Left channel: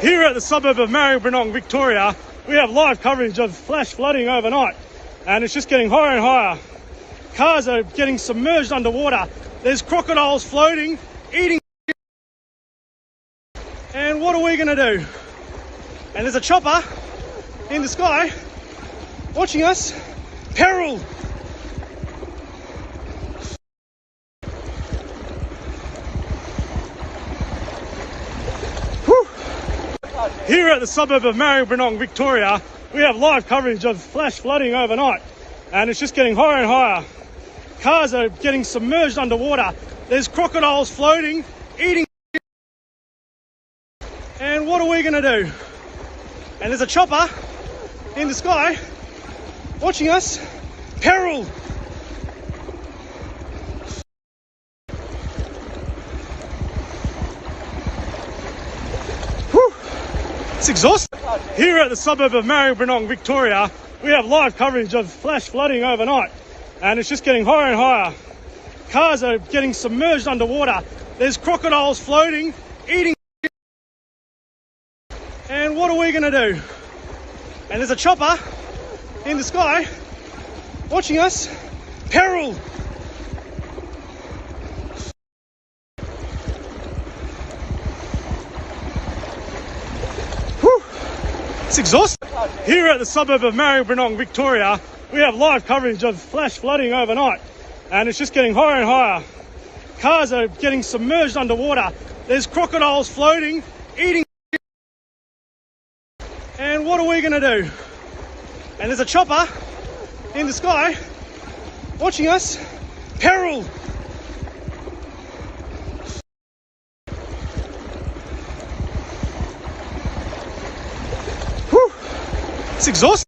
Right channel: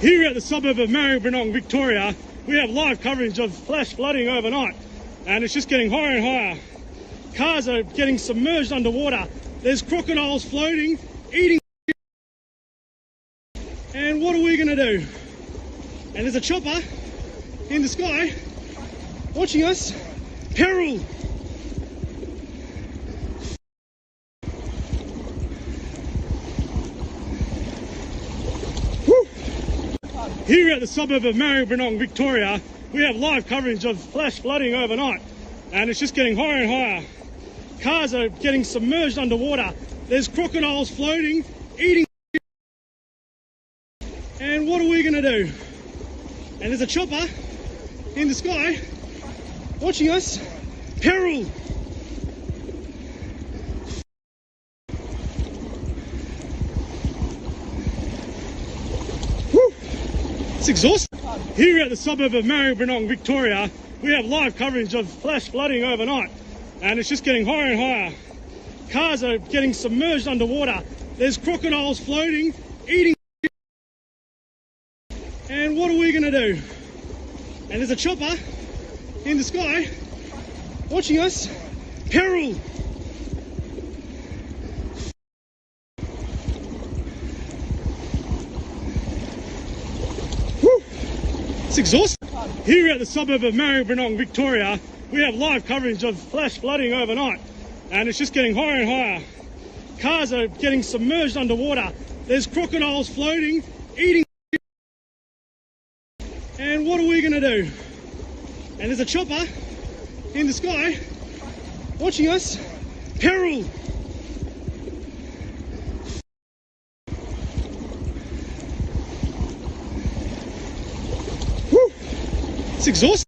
Here at the suburb of Maribyrnong, Victoria, we have live coverage of flash flooding overnight, and it's just getting higher and higher. Cars are getting submerged underwater. There's crocodiles floating, eating. And what are we going to do? And there's a chopper in the sky watching us. Peril! Here at the suburb of Maribyrnong, Victoria, we have live coverage of flash flooding overnight, and it's just getting higher and higher. Cars are getting submerged underwater. There's crocodiles floating, eating. And what are we going to do? And there's a chopper in the sky watching us. Peril! It's exhausting. Here at the suburb of Maribyrnong, Victoria, we have live coverage of flash flooding overnight, and it's just getting higher and higher. Cars are getting submerged underwater. There's crocodiles floating, eating. And what are we going to do? And there's a chopper in the sky watching us. Peril! It's exhausting. Here at the suburb of Maribyrnong, Victoria, we have live coverage of flash flooding overnight, and it's just getting higher and higher. Cars are getting submerged underwater. There's crocodiles floating, eating. And what are we going to do? And there's a chopper in the sky watching us. Peril! It's exhausting.